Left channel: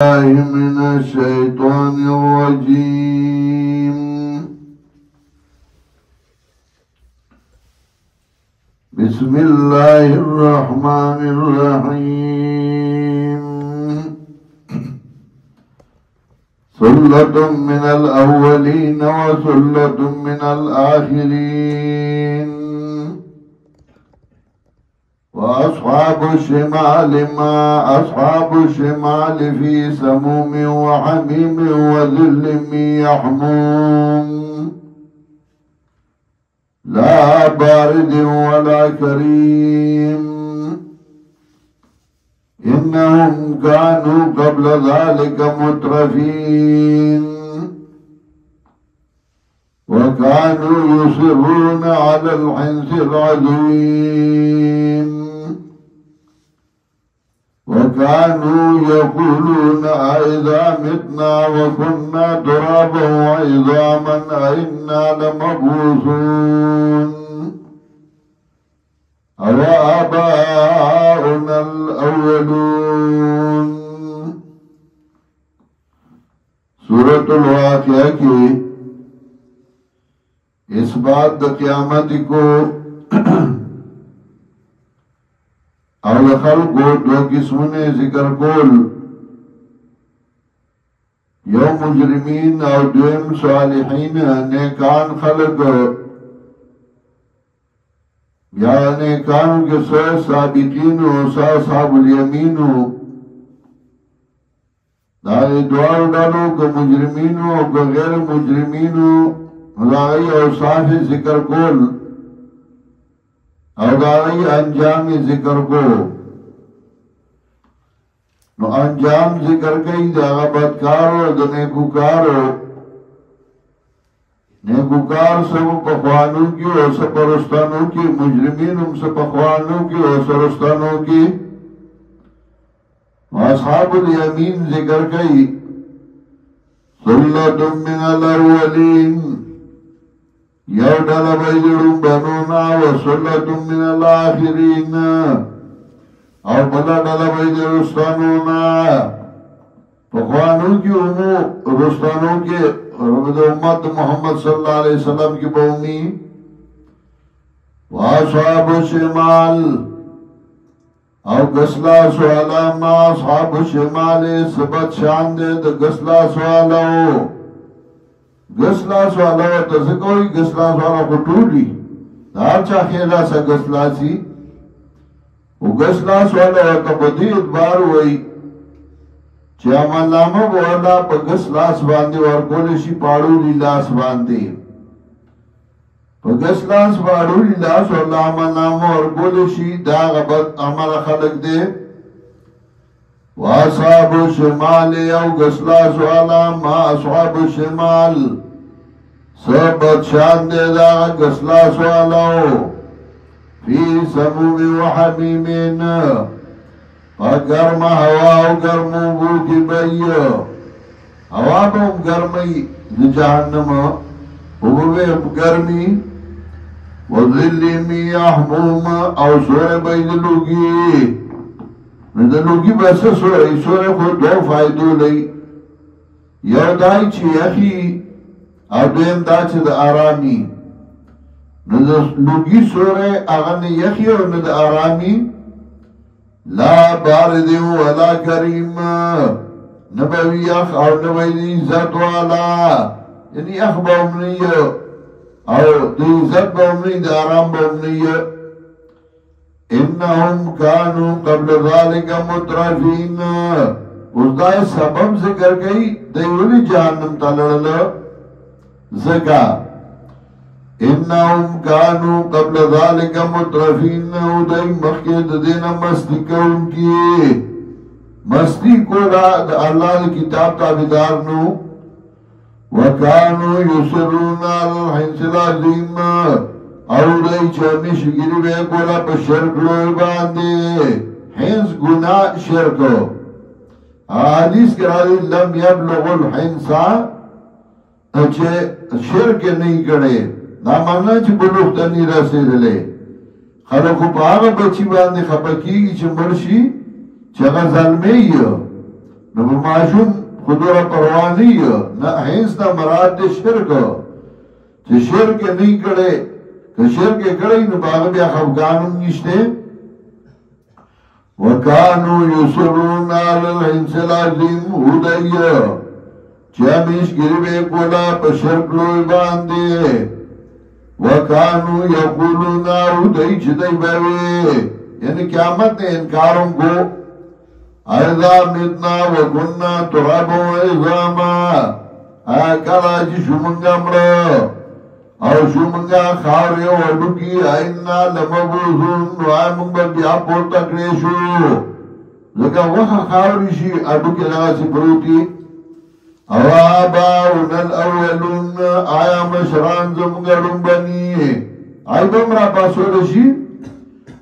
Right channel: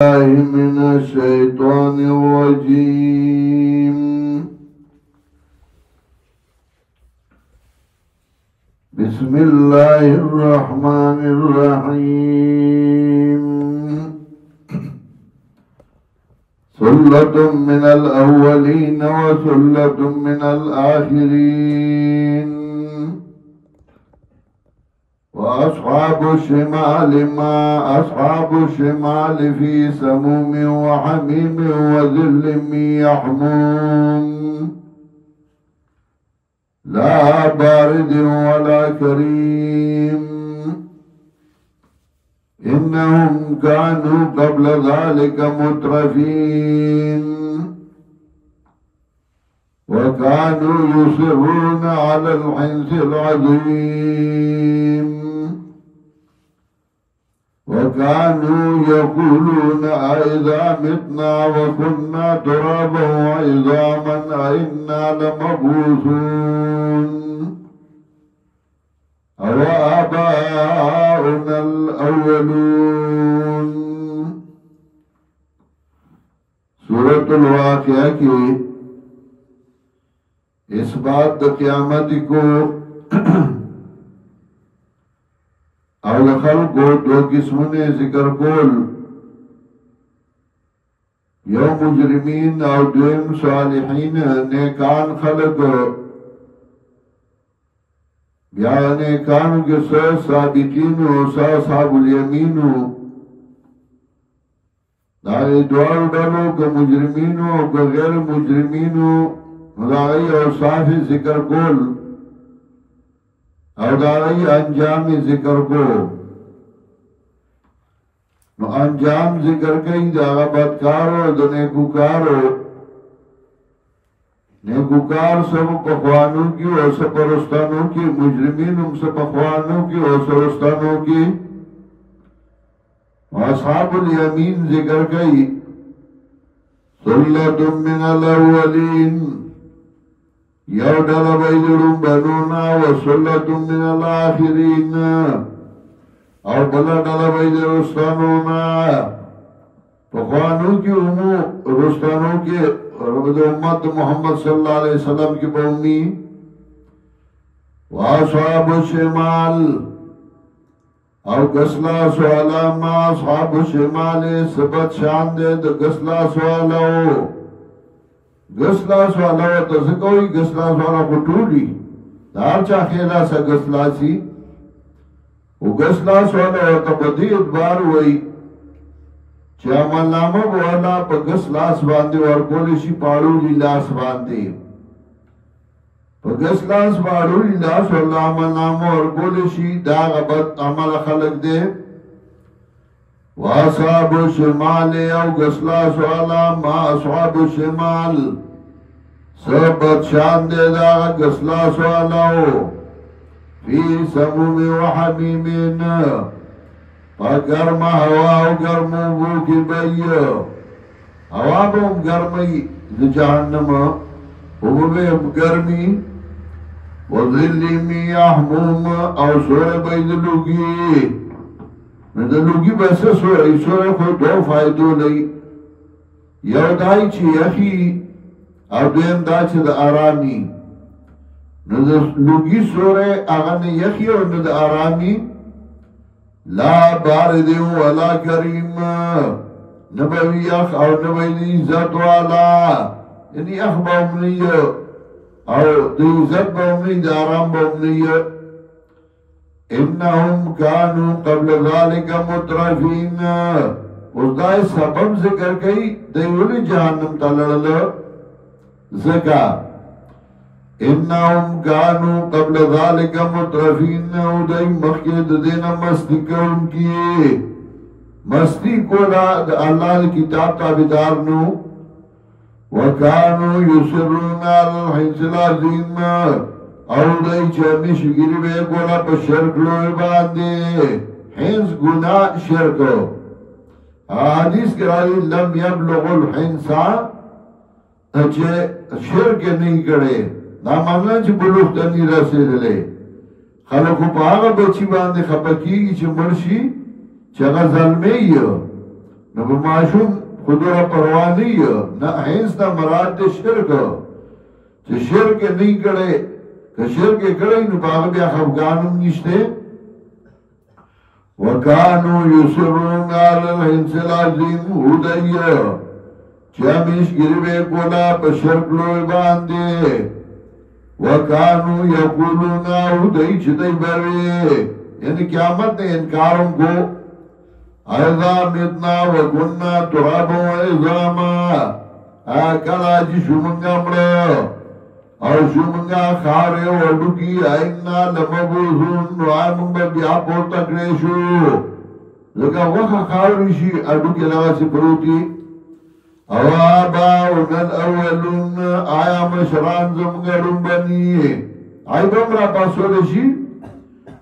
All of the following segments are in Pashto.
من الشيطان الرجيم. بسم الله الرحمن الرحيم. ثلة من الأولين وثلة من الآخرين. وأصحاب الشمال ما أصحاب الشمال في سموم وحميم وذل من يحموم لا بارد ولا كريم. إنهم كانوا قبل ذلك مترفين وكانوا يصرون على الحنث العظيم وكانوا يقولون أئذا متنا وكنا ترابا وعظاما أئنا لمبعوثون أوآباؤنا الأولون. سورة الواقعہ کی اس بات دا قیامت کو اور خلقو دو قسمنے ذکر کول، یو مجرمین اور دویم صالحین نیکان خلق. یا نیکانو کے سو سابقینو سو صحاب الیمینو داری دوار ڈالو کہ مجرمینو کہ غیر مجرمینو داری اور صاحب ذکر کول اور داری انجام ذکر کو. نو انجام ذکر کئی دا بدکارو دا نیکوکارو. نیکوکار سب پخوانوں کی اور سب پرستانوں کی، مجرمین ہم سب پخوانوں کی اور سرستانوں کی. اصحاب الیمین ذکر کئی ثلۃ من الاولین، یو ڈالا بیدرون بنونا و ثلۃ من الاخرین، اور بلا ڈالا بیدر رستانونا. پخوانوں کی امو رستانوں کے ربد امت محمد صلی اللہ علیہ وسلم کی بومی. واصحاب الشمال او گسلا سوالا ما اصحاب الشمال سبت شان دے دا گسلا سوالاو. گسلا سوالاو تذکوئی گسلا سوالا کو ٹولی دار چا خیلا سا گسلا سی. او گسلا سوالاو تا بدی ادبار ہوئی چه عمل نامه بولا پا گسلاس بانده ورکولشی پاڑو لیلاس بانده. پا گسلاس پاڑو لیلاس والله عمل نامه ورکولشی دا غبت عمل خلق دے. واصحاب الشمال او گسلاس والا ما اصحاب الشمال سبت شان دے دا گسلاس والاو فی سموم و حمیمین گرم ہوا و گرم بو کی بئی. ہوا با گرمی جہنم و گرمی و ظلی می احموم او سور بئی دلوگی. دلوگی بس سور خود دو فائدو لئی، یو دائی چی یخی او دویم دا چی دا آرامی. لوگی سور اغن یخی و ند آرامی لا بارد ولا کریم، نبوی اخ اور نبوی عزت والا. یعنی اخ باؤمنی اور دی عزت باؤمنی دی آرام باؤمنی. انہم کانو قبل ذالک مترفین. اس دائی سبب ذکر گئی دیولی جہنم تلڑل زکا. انہم کانو قبل ذالک مترفین، او دائی مخید دینا مستی کون کی مستی کو اللہ کتاب تابدارنو. وکانو یسرون الحنس العظیم، او دائی چہمیش گری بے کولا پا شرک لوئی باندے. حنس گناہ شرکو. حدیث کرا دی لم یبلغ الحنسا اچھے شرک نہیں کرے نا مانا چھ بلوغ تنی رسید لے. خلقو پا آغا بچی باندے خپکی چھ مرشی چھ اغا ظلمی نو په ماشوم خودره پروانی نه هیڅ نه مراد د شرک چې شرک نه کړي که شرک کړي نو هغه بیا خفګانم نشته وکانو یسرون علی الحنس العظیم هدیه چې همیش ګری به کولا په شرک لوی باندې وکانو یقولون هدی چې دی به یعنی قیامت نه انکارم کو اذا متنا وكنا ترابا وعظاما اکلا چې شومنګا مړه او شومنګا خارې وډوکی اینا لمبوزون وامن بیا پورته کړې شو لکه وخه خاورې شي اډوکی راځي پروتي او آباؤنا الاولون آیا مشران زمگرون بنی آئی بمرا پاسول شی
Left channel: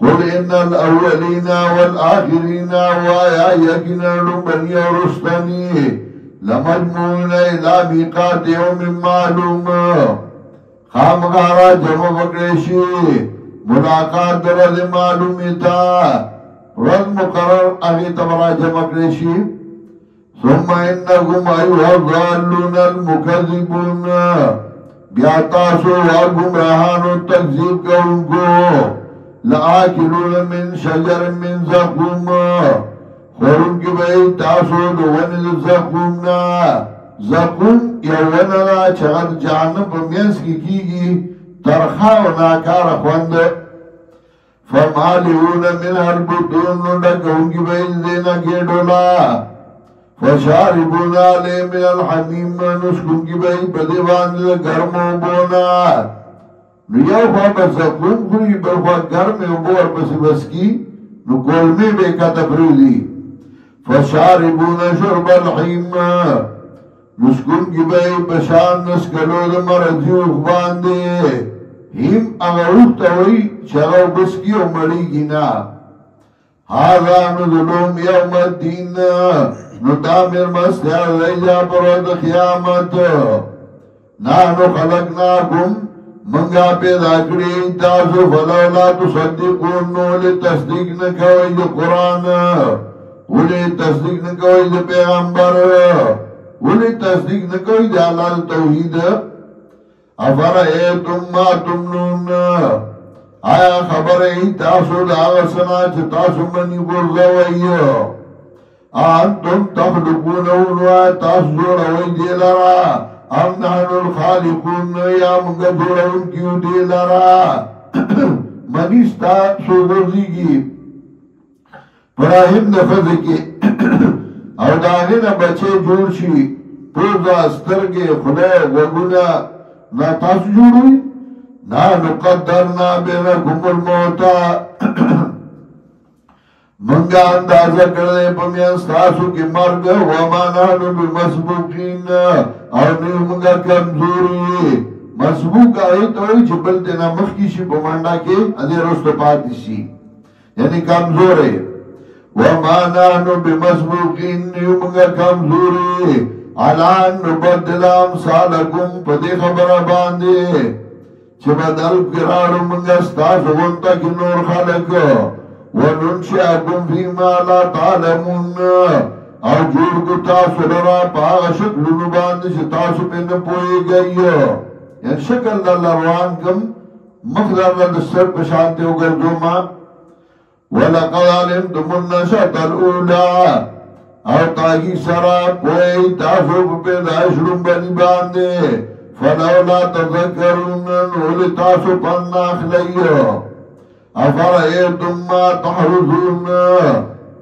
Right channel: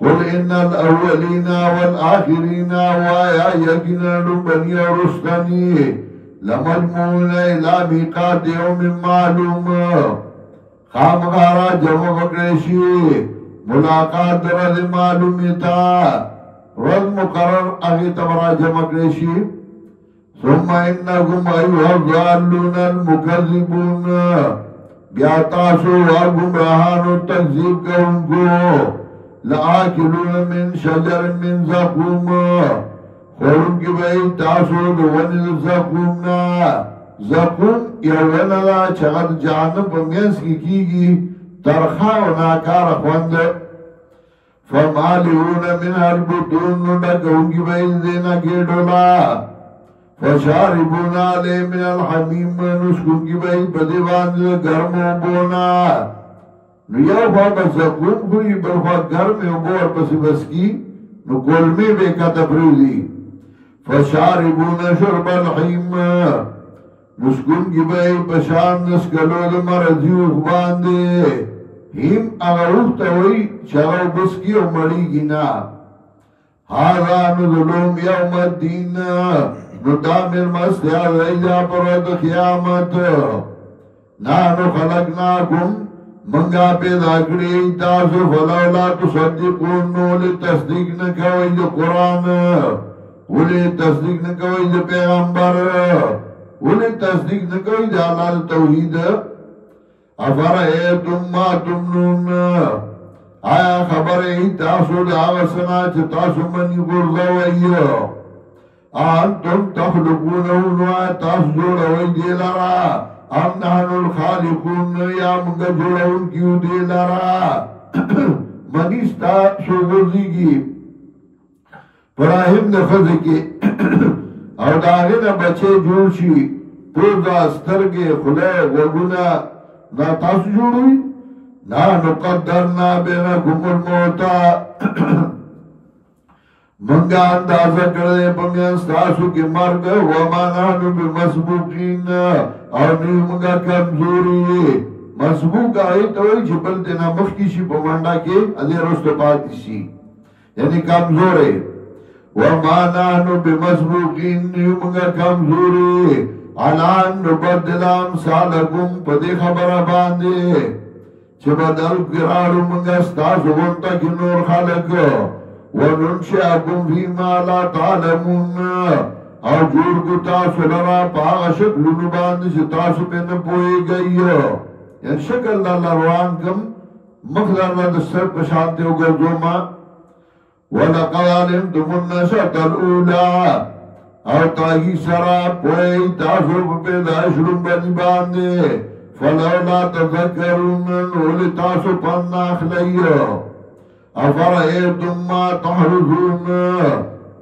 قل ان الاولین والآخرین وآیا یکنا لبنی ورستنی لمجموعون الى میقات یوم معلوم خامغارا جمع بکرشی ملاقات درد معلومی تا رد مقرر اغی تبرا جمع کرشی ثم انکم ایوہ الضالون المکذبون بیاتاسو وگمراہانو تکذیب کونکو لآکلون من شجر من زقوم خورن کی بئی تاسو دوون زقومنا زقوم یووننا چغد جانب مینس کی گی ترخاو ناکار خوند فمالیون من البطون لکون کی بئی دینا گیڈولا فشاربون علی من الحمیم نسکون کی بئی بدی باندھ گرمو بونا نو یو خواہ بس زقوم خوری بلخواہ گرم بور پسی بس کی نو گلمی بے کتبرودی فشاربون شرب الحیم نسکون کی بئی بشان نسکلو مرضیوخ باندے ہیم اغروخ تاوئی چغو بس کی و مری گینا هذا نظلوم یوم الدین نو تامر مستیار ریجا پرود قیامت نانو خلقناکم منگا پیدا کری تاسو فلولا تصدقون نولی تصدیق نکوئی دی قرآن ولی تصدیق نکوئی دی پیغمبر ولی تصدیق نکوئی دی اللہ توحید افرائیتم ما تمنون آیا خبر ای تاسو دا آغسنا چه تاسو منی گرزوئی انتم تخلقونون و تاسو جوڑوئی دی لرا ام نحن الخالقون یا منگا جوڑون کیو دی لرا منیستا سو گرزی کی پراہم نفذ کی او داغین بچے جوڑ شی پوزا سترگے خلے وگونا نا تاسو جوڑوئی نا نقدرنا بینکم الموتا منگا اندازہ کردے پمین ستاسو کی مرگ وما نحنو بمسبوقین اور نیو منگا کمزوری مسبوق آئی توئی چھ بلتے نا مخکیشی پمانڈا کے ادھے رستو پاتیشی یعنی کمزورے وما نحنو بمسبوقین نیو منگا کمزوری علان نبدلام سالکم پدے خبر باندے چھ بدل گرارو منگا ستاسو غنطا کی نور خالق وننشاکم فیما لا تعلمون او جوڑ کو تاسو لرا پاغ شکلونو باندې چې تاسو پہ نپوئی گئی یعنی شکل اللہ روان کم مخد اللہ دستر پشانتے ہو گردو ما وَلَقَدْ عَلِمْتُمُ النَّشَأَةَ الْأُولَى او تاگی سرا پوئی تاسو پہ دائشرم بنی باندے فَلَوْلَا تَذَكَّرُونَ نولی تاسو پناخ لئیو افرائیتم ما تحرزون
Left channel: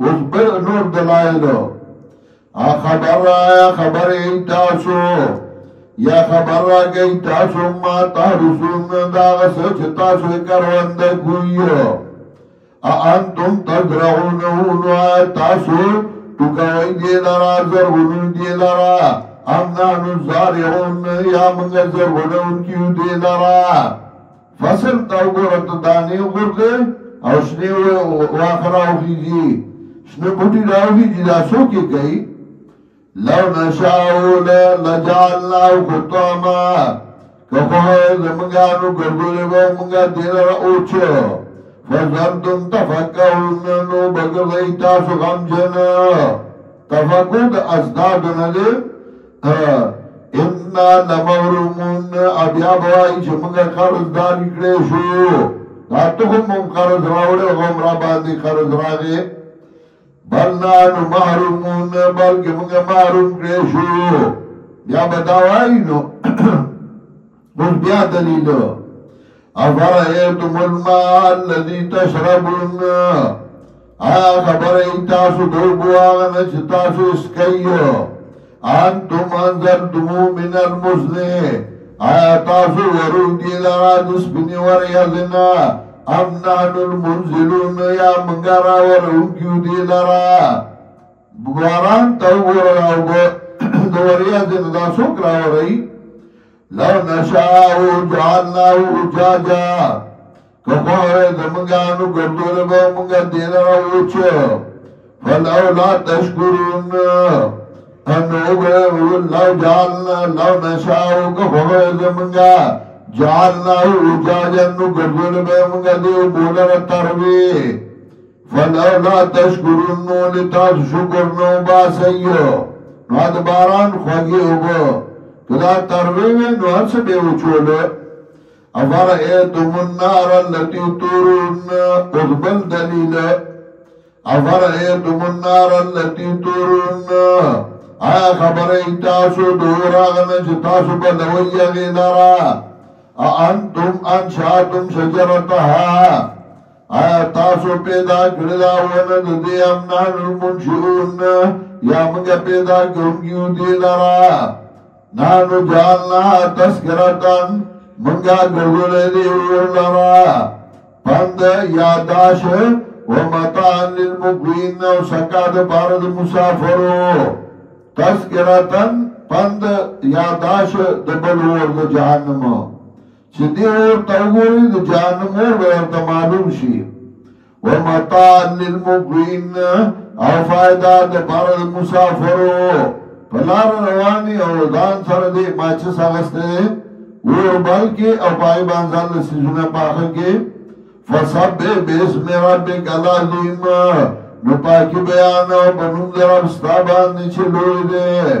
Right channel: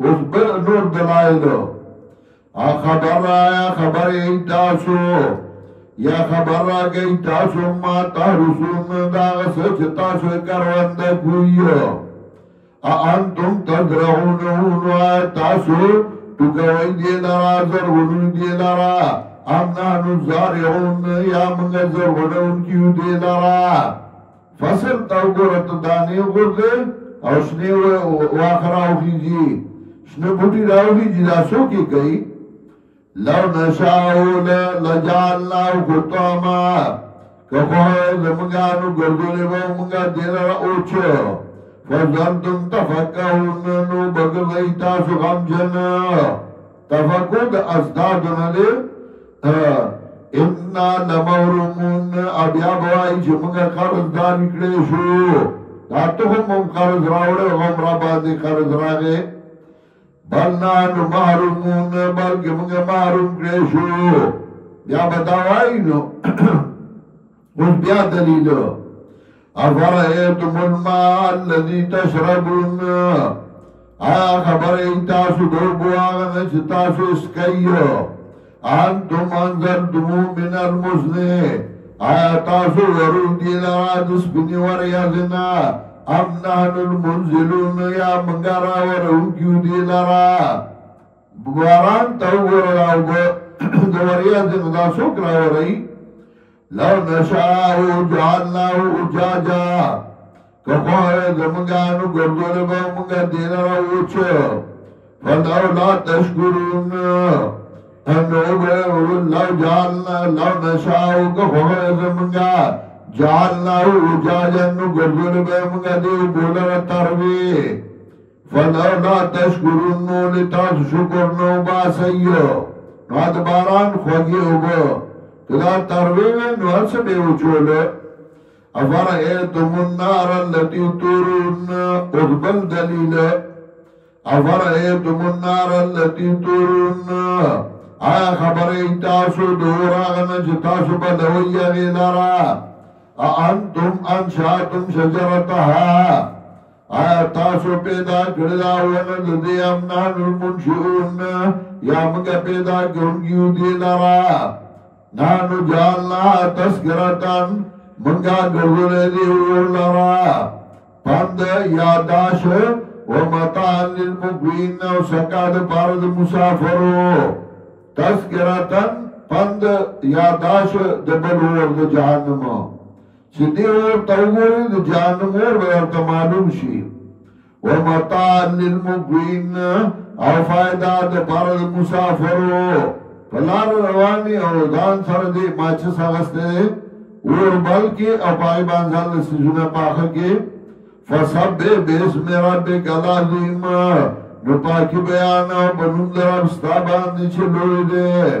اس بل نور دلائلو خبر آیا خبر ای تاسو یا خبر را گئی تاسو ما تحرزون داغ سچ تاسو کروند کوئیو انتم تزرعونون آیا تاسو تکوئی دی لرا زرونون دی لرا امنانو زارعون یا منگا زرونون کیو دی لرا فصل تاو گورت دانے گورتے او شنے واخر آوخیجی شنے بوٹی راوخیجی دا سو کی کئی لو نشاو لجالناو خطاما کخواه زمگانو گردولی باو منگا دیلر اوچو فزنتم تفکرون نو بگر دی تاسو غمجن تفقد ازداد نده انا لمورمون ابیا بوائی چه منگا قرض دار اکڑے شو داتو هم قرض راوڑے غم را باندی قرض راگے بل نانو محرومون بلکہ منگا محروم کڑے شو بیا بتاوائی نو اس بیا دلیلو افرائیتم الماء الذي تشربون خبر ایتاسو دوبو آغن چتاسو اسکیو انتم انزلتمو من المزنے آیا تاسو ورو دی لرا دسپنی وریازنا ام نحن المنزلون یا منگارا ورون کیو دی لرا باران تاو ورلاو دو وریازنا دا سوکرا وری لو نشاو جعلناو اجاجا کخوار زمگانو گردول با منگا دینا روچو فلو لا تشکرون انو لو جعلنا لو نشاو کخوار زمگا جعلناو اجاجا نو گردول با منگا دیو بولر تروی فلو لا تشکرون نو لتاس شکر نو باسیو نواد باران خوگی ہوگو کدا تروی نو ہر سے بیو چولو افرائیتم النار اللتی تورون اغبل دلیل افرائیتم النار اللتی تورون آیا خبر ایتاسو دوراغن چتاسو بلوی غیلارا انتم انشاتم شجرتها آیا تاسو پیدا کردا وند دی امنان المنشئون یا منگا پیدا کرنگیو دی لارا نانو جالنا تذکرتن منگا گردولے دی لرا پند یاداش و مطان للمقوین و سکاد پارد مسافرو تذکرتن پند یاداش دبلور دا جہنمو چی دیور تاوگوری دا جہنمو بیرتا معلوم شی و مطان للمقوین او فائدہ دا پارد مسافرو پلار روانی او دان سر دی ماچس آغستے دی اور بلکہ اپائی بانزال سجنہ پاکھا کے فسب باسم ربک العظیم نو پاکی بیانا بنوم در ابستابان نیچے لوئی دے